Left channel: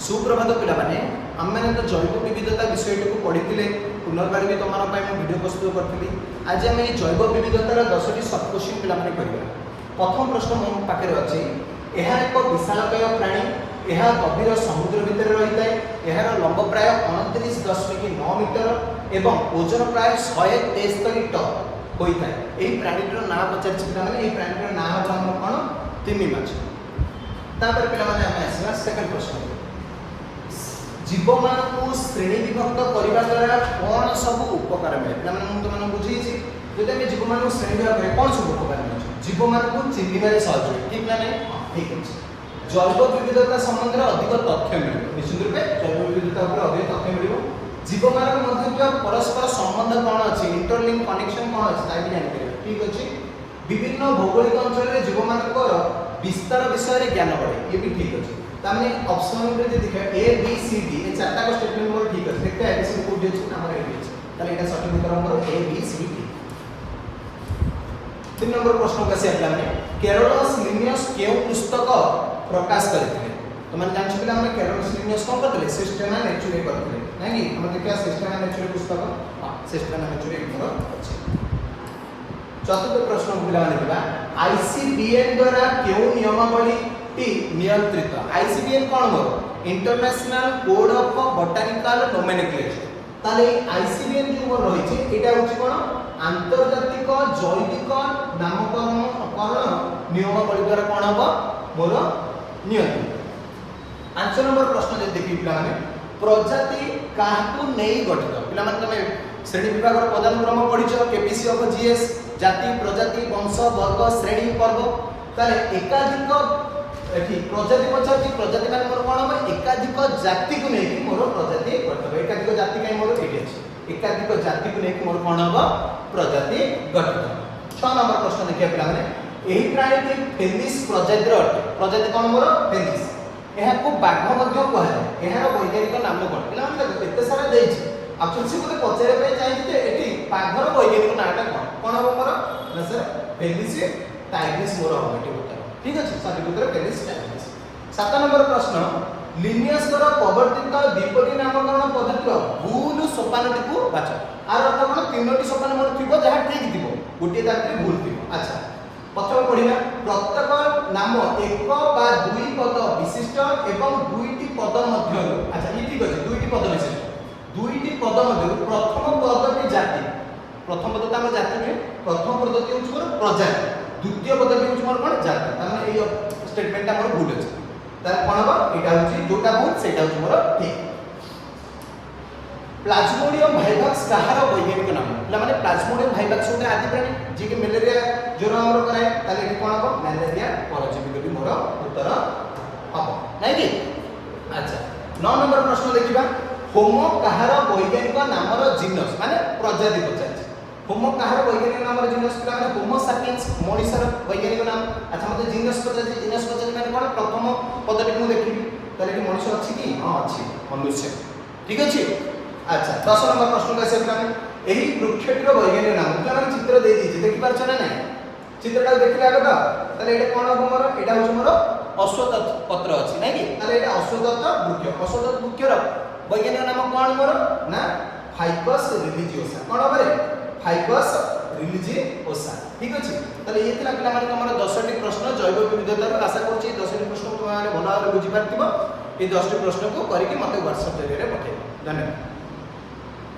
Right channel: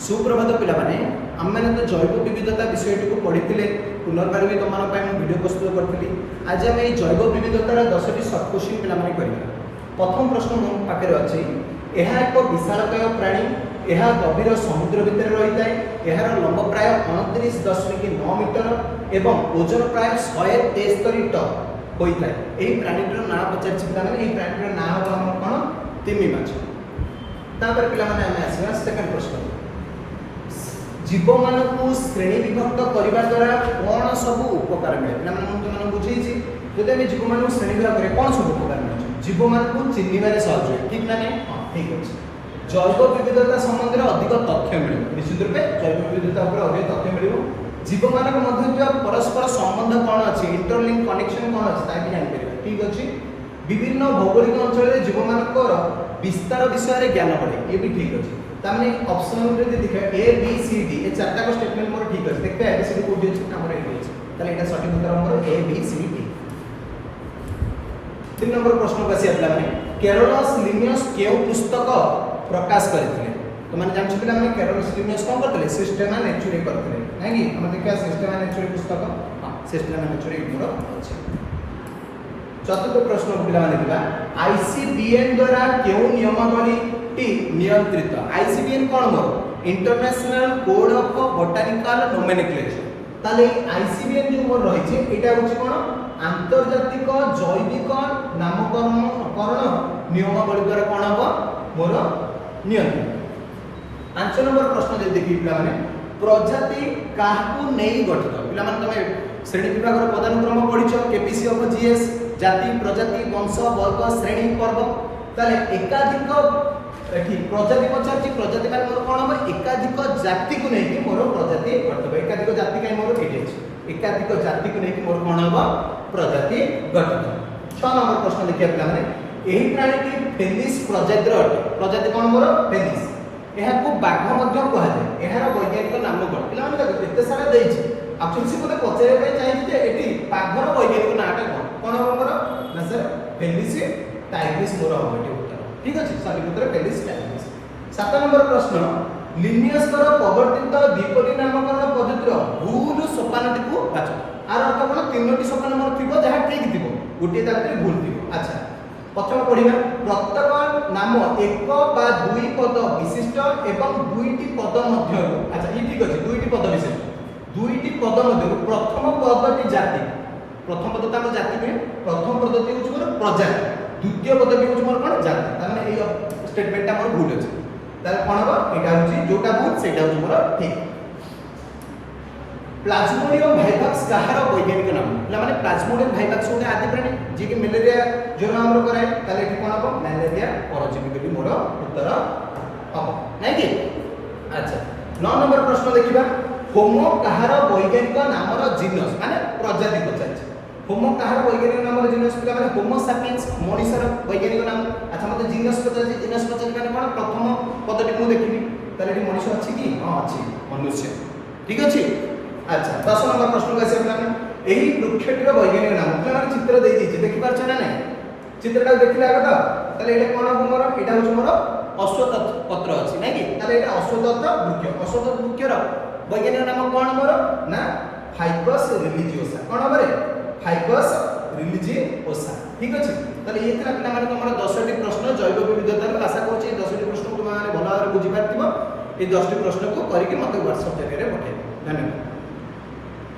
सुप्रभात पिलाने आम मैंने तो जैव विविधता विषय को पढ़ी पुनर्बार भी तुम वीडियो प्रस्तुत करी। आज आम जैव विविधतार 10टी सब क्वेश्चन पिलाने करवा। प्रथम प्रश्न मो पाखे अच्छी, यह एक विशालकाय प्राणी, यह गभीर समुद्र भितर रही है। यार लंब प्राय 29.9 मीटर एवं ओजन प्राय 173 टन होता है। यही प्राणीटर ना पचार पे प्राणीटर ना हम कौन तिमी माछ। तापर पिलाने आम आसवा सेकेंड प्रश्न, जीव मान श्रेणी विभक्त करने द्वारा कौन सब उपकार मिले। तुम बुझे जब आम जीव मान श्रेणी विभाग में कौन सब उपकार मिले, जीव मान को चिन्हबार सहयोग ठीक ना नहीं। हाँ ठीक अच्छे। जैव विविधता संबंध में अधिक तथ्य मिले, निश्चित रूपे जैव विविधता अधिक तथ्य मिले। जीव मान परस्पर संबंध कौन अच्छे, इंटरलिंक कनेक्शन कौन अच्छे जानते ठीक अच्छे। विभिन्न भौगोलिक अंचल जीव मान विस्तार विषय ज्ञान बढ़े, ये भी ठीक अच्छे। तामने ऑप्शन में जो देखा ए बी सी डी ये चारटा को स्टेटमेंट मोर ठीक अछि। देखते A B C D code अछि हमर ए अछि, ताले एटा सঠিক उत्तर हमर A B C D. 3 number प्रश्न को आसी आपला माने कैरोलस लिनियस केउ पुस्तक प्रकाश करथिले। तो मन जान छिला हम कैरोलस लिनियस कोन करथिले, सिस्टेमा नेचुरे करथिले नै कि हम देखा सिस्टेमा नेचुरे पुस्तक। हां सिस्टेमा नेचुरे मोर अछि। चतुर्थ प्रश्न पिला माने दिबा आईसीबीएन द्वारा केउ नियमावली नियंत्रित। आईसीबीएन कौन मोर international code of botanical nomenclature. ताले आईसीबीएन जो मोर रही छे एटा होची कोन आंतरजातिक जैविक नामकरण नियमावली द्वारा कोन हो मोर नियंत्रित। 5 नंबर प्रश्न जे देखि पिला माने प्रजाति काहकु नै गठित। पिला माने तमे श्रेणी विभाग रो पदानुक्रम पढिछो केपीसी ऑफ जीएस जाति प्रजाति वंश वर्ग श्रेणी पर्व। ताले एकाधिक प्रजाति पचार प्रजाति माने मोर कोन हम एकाधिक जाति को नै कि मोर प्रजाति गठित। एकाधिक जाति काई मोर एटे अछि, एकाधिक जाति को नै कि मोर कोन हम प्रजाति गठित। 6 नंबर प्रश्न देखिया पिला माने एही प्राणी की फेलिस प्रजाति रो प्रजाति कोन मोर फेलिस। एहा को बाघ मध्य कहला जाय। एहार वैज्ञानिक नाम कोन पिला माने एते सारा देइ छै। एक्चुअली से मते पचारे पे चाहि जे एठी बाघर वैज्ञानिक नाटा कोन हम मोर ना सर फेलिस टाइग्रिस मोर हम ठीक अछि। सभी उत्तर फेलिस टाइग्रिस। 7 नंबर प्रश्न लिनियस कर प्रवर्तित द्विपदी नामकरण पद्धति भूल सोपानटी को बाछ। आर अर्थ कोन तीनोटी सोपान मोर थिबो जहा ठीक थिबो गोटे ताके भूल थिबो। अच्छा प्रथम पढिबा प्रत्येक नाम एक बा दुई पद विशिष्ट एवं दुईटी पद मध्य। अच्छा ये ठीक अछि, दुईटी पद विशिष्ट दुईटी पद मध्य प्रथम पदटी जाति। प्रथम पद त हम जाति में प्रथम पदटी होछ मोर प्रजाति, द्वितीय पदटी होछ मोर कोन जाति। ताने एई स्टेटमेंटटा मोर भूल अछि। ताले कोन हो एटा होछि जोटा भूल सेटा होछि मोर ठीक। प्लाज्मोडियम भाइवाक्स कहार वैज्ञानिक नाम ला माने प्लाज्मोडियम भाइवाक्स होगा आदि प्राणी जे कि मलेरिया ज्वर हमरो कराए। ताले एठी कोन हो मलेरिया परजीवी भी मोर उत्तर हबो नै कि। अच्छा 9 नंबर प्रश्न देखिबा होमो कहार वैज्ञानिक नामर जीनस माने प्रजाति पचाइ। होमो कहार वैज्ञानिक नामर जीनस पिला माने होमो सैपियंस मनुष्यर वैज्ञानिक नाम। अच्छा मते जीनस पचाइ माने कोन प्रथम पदटी मु देखिबी ताले कि मनुष्य अछि कि हां अछि मनुष्य ठीक अछि। अच्छा 10 नंबर प्रश्न को आसे माने एही वृक्षटर वैज्ञानिक नाम पिला माने चित्र देइ दिजे देखि पारछ ना नै। चित्रटा देखिले आगो त ताले एटा कोन हो मोर एटा होछ मोर अश्वत्थ पत्र अछि नै कि। ताले एटा अश्वत्थ वृक्ष। अश्वत्थ वृक्षर वैज्ञानिक नाम कोन मोर ना फाइकस रिलिजियोसा। कोन हो रे फाइकस रिलिजियोसा ठीक अछि। ताले ये थिला पिला माने हमर 10टी प्रश्न जैव विविधतार। आशा करछि 10टी प्रश्न तुम माने भलो भाबरे बुझि पारथिबो। ए 10टी प्रश्न को करिके मते WhatsApp जरिए पठाइबो। धन्यवाद।